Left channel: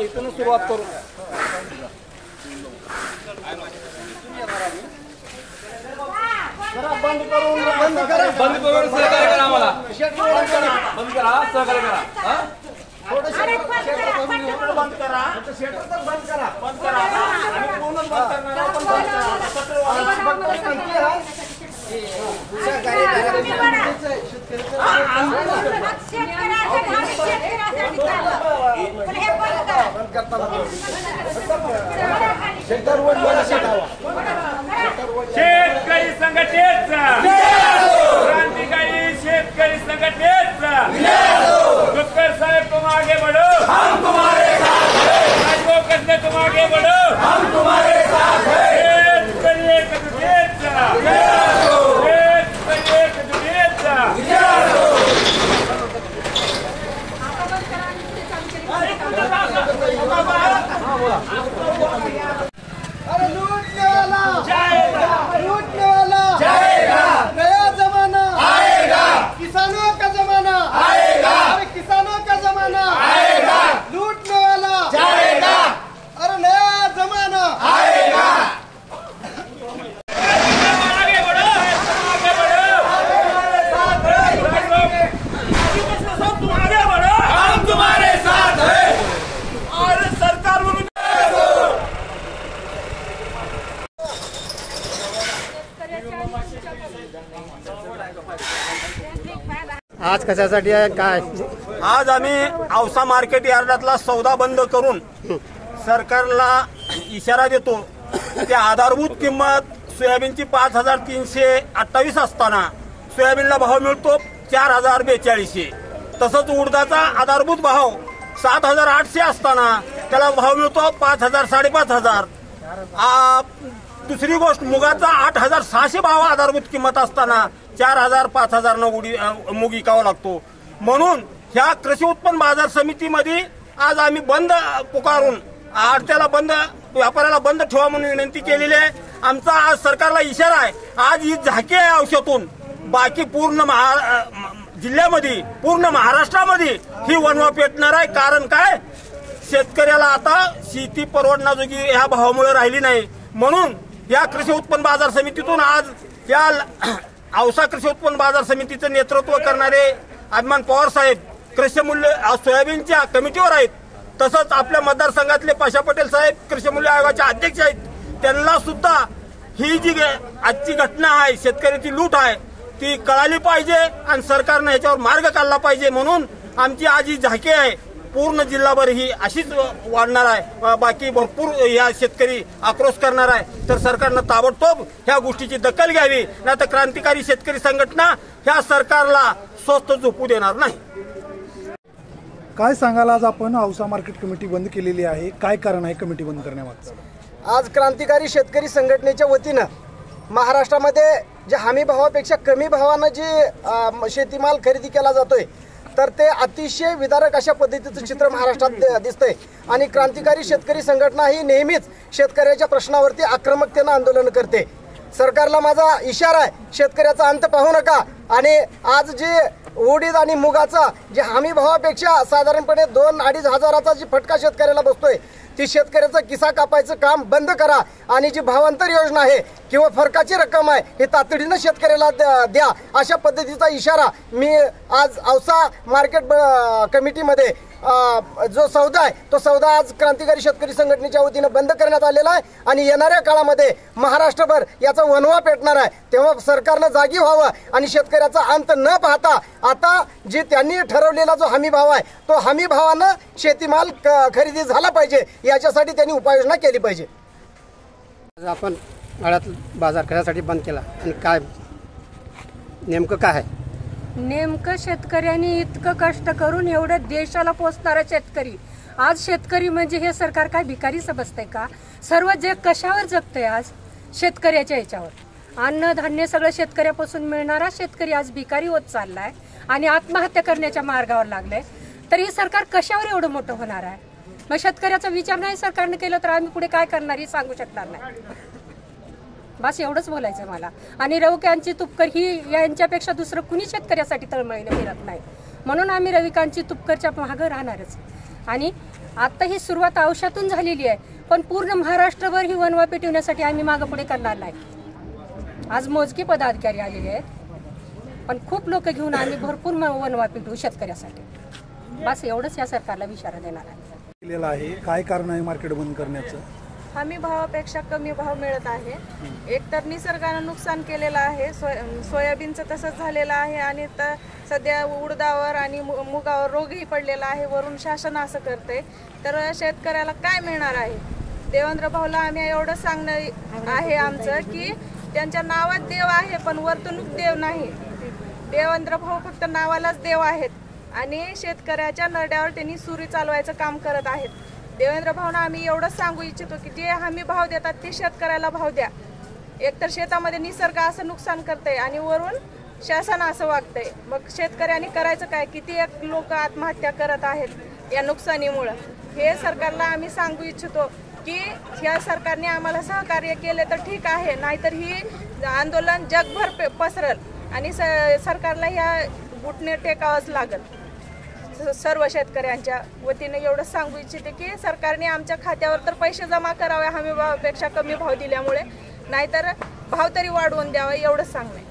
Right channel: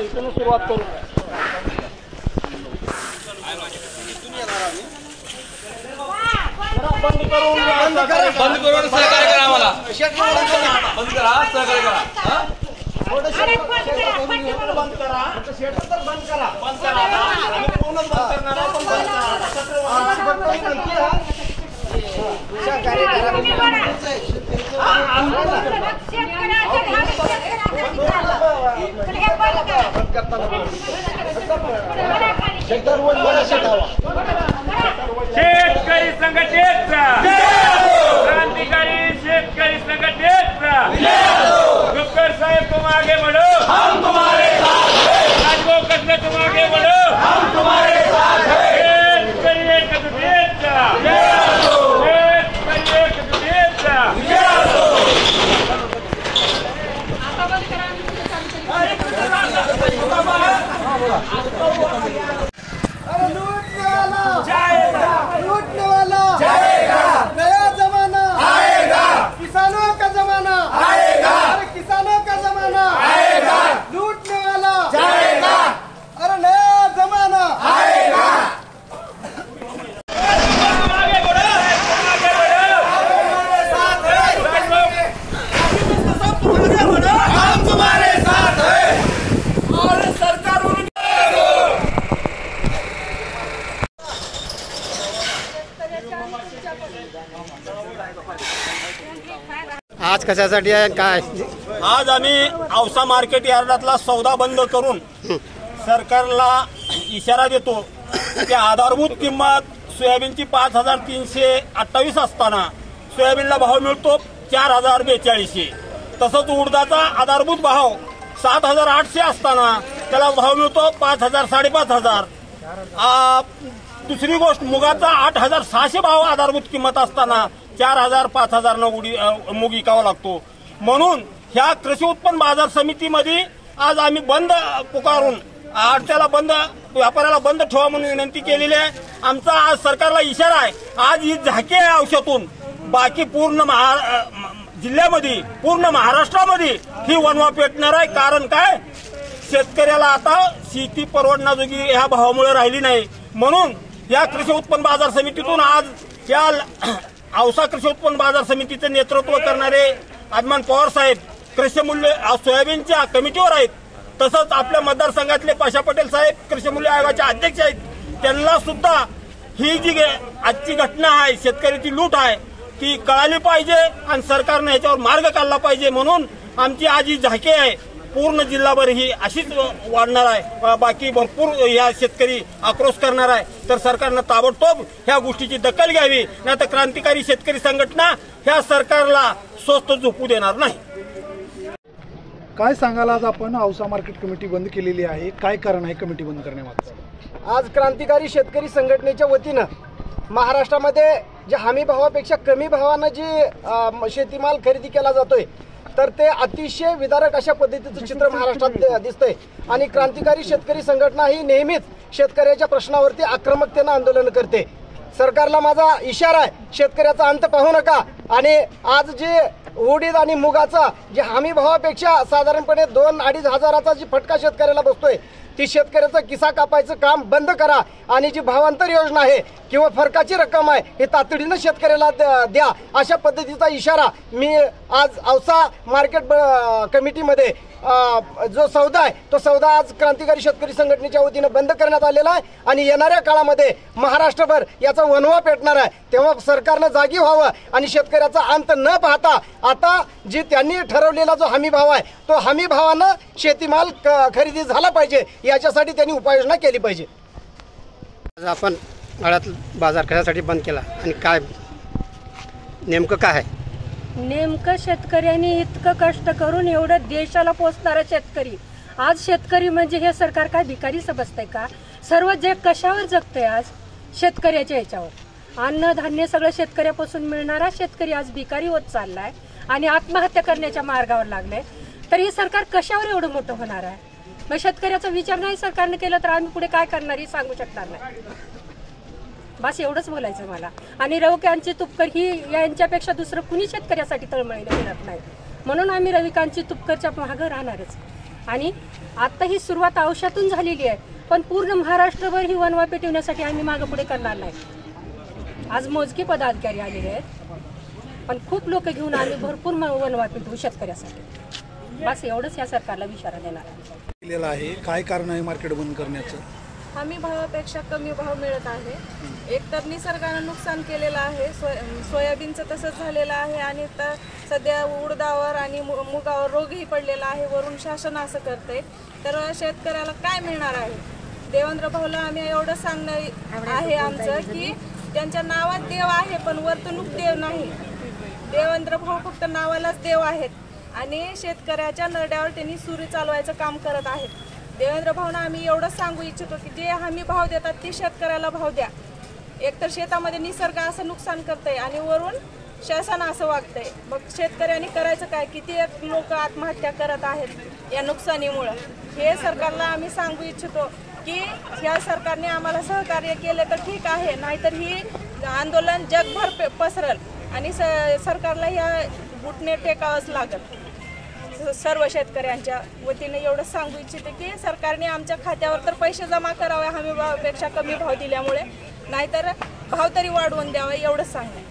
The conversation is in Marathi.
इथून सुरुवात करू। बंद करून सहकार्य करा, आम्हाला बंद करा, सहकार्य करा। बंद करा, बंद करा, बंद करा, आणि पूर्ण बंद करणार शेतकरी संघटनेचा क्रांतिकारी शेतकरी संघटनेचा गुप्कर साहेब तुम आगे बढ़ो, हम तुम्हारे साथ हैं। राजभोग कसले तुम आगे बढ़ो, हम तुम्हारे साथ हैं। शेतकरी एकजुटीचा, शेतकरी एकजुटीचा। अरे लूटने वाला जाएगा, लूटने वाला जाएगा, नया जमाना आएगा, किसानों का जमाना आएगा, अरे किसानों का जमाना आएगा, लूटने वाला जाएगा, अरे नया जमाना आएगा। आगे बढ़ो, आगे बढ़ो, हमारे साथ है, सब तुम आगे बढ़ो, हम तुम्हारे साथ है। और सरकार आज कशासाठी आहे काय? आज आम्ही औसा मार्केट यार्डातला सौदा बंद करून सरकारला इशारा देतो की आधारभूत किंमत सोयाबीनची 5328 असताना सोयाबीनला भाव मिळतो 4042. तसंच उडदाचा आधारभूत भाव 7800 असताना त्याला भाव मिळतो 5000 5500. दुसरी गोष्ट, मुगाचा 8600 भाव आधारभूत किंमत असताना 4000 5000 मूग विकावा लागतो। म्हणून ह्या कृषी उत्पन्न बाजार समितीमध्ये आज आम्ही बंद पुकारून आडत्याला बंद, व्यापाऱ्याला बंद ठेवा म्हणून विनंती केलेली आहे। आमचा आज सरकारला इशारा आहे, आज ही झाकी आहे औषधातून बाकी पूर्ण जिल्ह्यामध्ये, पूर्ण महाराष्ट्रामध्ये ही वणवा पेटणार आहे। कारण काय, शेतकऱ्याला आता शेती परवडण्याजोगी ह्या भावामुळे राहिली नाही। म्हणून या कृषी उत्पन्न बाजार समितीतून आज या औसा कृषी उत्पन्न बाजार समितीचं नेतृत्व करणारे अभिमान पवार साहेब कृषी मूल्य सोयाबीनच्या कमिटीवर आहेत। तसंच आपल्या मतदारसंघातले पाशा पटेल साहेब कृषी मूल्य आयोगाचे अध्यक्ष आहेत। त्यांना सुद्धा ही जी आजची घटना आहे, शेतकऱ्याची लूट आहे, ती कळाली पाहिजे आणि सरकारने याच्यावर मार्ग काढला पाहिजे। म्हणून आमची आज ही झाकी आहे, पूर्ण जिल्हाभर ही अशीच वाढणार आहे। बाकी भरपूर या शेतकरी आक्रोश करणार आहे। तर सरकारनं ताबडतोब ह्या गोष्टीची दखल घ्यावी, नाहीतर क्रांतिकारी शेतकरी संघटना ह्या सरकारला स्वस्त झोपू देणार नाही। काय सांगाल, आज आपण औसा मार्केट कमिटी बंद केलेली आहे, काय कारण आहे कमिटी बंद करण्यामागचं? आज क्रांतिकारी शेतकरी संघटनेच्या वतीनं महाराष्ट्रामध्ये जे हमी भावापेक्षा कमी भावानं जे शेतीमाल खरेदी केला जातोय, तर ते अतिशय विदारक अशा पद्धतीचं चित्र महाराष्ट्रात दिसतंय। आणि क्रांतिकारी शेतकरी संघटना ही नेहमीच शेतकऱ्याच्या प्रश्नावरती आक्रमकतेनं आंदोलन करते। सरकारला माझा इशारा आहे, शेतकऱ्याचा अंत पाहू नका। आणि आज जे उडीद आणि मुगाचा जे हमी भावापेक्षा साधारणपणे 2-2.5 हजाराचा जी फटका शेतकऱ्याला बसतोय, ती शेतकऱ्याचा किसा कापायचं काम बंद करा। आणि जी भावांतर योजना आहे किंवा फरकाची रक्कम आहे हे तातडीनं शेतकऱ्याला द्या, अशा पद्धतीचा इशारा मी आज औसा मार्केट कमिटीमध्ये जो सौदा आहे तो सौदा आज क्रांतिकारी शेतकरी संघटनेच्या वतीनं बंद करण्यात आलेला आहे। आणि येणाऱ्या काळामध्ये महाराष्ट्रभर याचा वणवा पेटणार आहे। तेव्हा सरकारनं जागी व्हावं आणि शेतकऱ्याचा अंत न पाहता आता जे त्यांनी ठरवलेला जो हमी भाव आहे तो हमी भावानं शेतीमाल खरेदी झाला पाहिजे, याच्यासाठी त्यांनी उपाययोजना केली पाहिजे। आपण आळ्यात बाजार कशासाठी बंद केला आणि काय नेमकं काय आहे? नेमकं शेतकऱ्यांनी इतकं कष्ट करून एवढं देशाला पोचणारा शेतकरी, आज शेतकरी म्हणजे हे सरकार काय भिकारी समजतंय का? सर्व जग कशावर जगतंय? आज शेतकऱ्याच्या याच्यावर अन्नधान्य सगळं शेतकऱ्यापासून मिळणारा शेतकरी आज भिकारी होत चाललाय आणि आत्महत्या करण्याच्या मार्गावर लागलाय। तर हे सरकार कशावर एवढं मोठं होणार आहे? मग शेतकऱ्याचा विचार नाही सरकारने केला तर आम्ही पुढे काय करणार हे सांगू शकणार नाही। बस एवढंच बोलायचं मला। आणि रविकांतची तुपकर ही यांच्यापेक्षा दुसरं कुणी शेतकऱ्यासाठी तळमळीने फिरत नाही, म्हणून आम्ही रविकांतची तुपकरच्या मागं राहणारच। आणि आता ही सुरुवात औषधातून झालेली आहे, पण पूर्ण महाराष्ट्रभर ही वनवा पेटवण्यासाठी आम्ही मागे पुढे करणार नाही. आज मोजके पदाधिकारी आलेले आहेत, पण खूप लोक घेऊन आम्ही भरपूर वनवा पेटवू शेतकऱ्यासाठी. बस एवढंच या सरकारला इशारा देणार आहे. काय कारण आहे मार्केट बंद करण्याचं? हमी भावापेक्षा कमी भाव मिळत आहे. एकतर निसर्गानं नुकसान केलेलं आहे, सोयाबीनचं तसंच झालेलं आहे आणि सध्या उडदावर आणि मुगावर रोगही पडलेला आहे. वरून शासन असं करते तर शेतकऱ्याला काय मिळणार आहे? देवेंद्र भाऊला आम्ही एवढं सांगणं आहे आमचं की त्यांच्या नावात देव आहे पण वर्तणूक देव नाही. देवेंद्र भाऊ फक्त नावालाच देव आहेत आणि शेतकऱ्याच्या नरड्यावर त्यांनी सुरी चालवायचं काम करत आहेत. देवेंद्र भाऊंना आम्ही एवढंच सांगू इच्छितो की जे हमी भाव देतात ते शेतकऱ्याला भाव द्या. एकतर शेतामध्ये निसर्ग असं नुकसान करतंय आणि वरून शासन असं वागतंय. मग शेतकऱ्यांनी करायचं काय? किती लोक आत्महत्या करत आहेत या नुकसानीमुळं. हे सरकारला आम्ही सांगू इच्छितो की या सरकारने आम्हाला सहकार्य केले तर ठीक आहे, नाहीतर ही आंदोलन जगभर पसरल आणि सरकारला ह्या घुटणे टेकावंच लागत. सर्व शेतकऱ्यांच्या वतीने एवढं सांगू इच्छिते की सरकारने आमच्या खात्यावर तर पैसे जमा करावे हमी भावापेक्षा कमी भाव दिल्यामुळे, नाहीतर भाव तरी वाढवून द्यावा एवढंच सांगणे.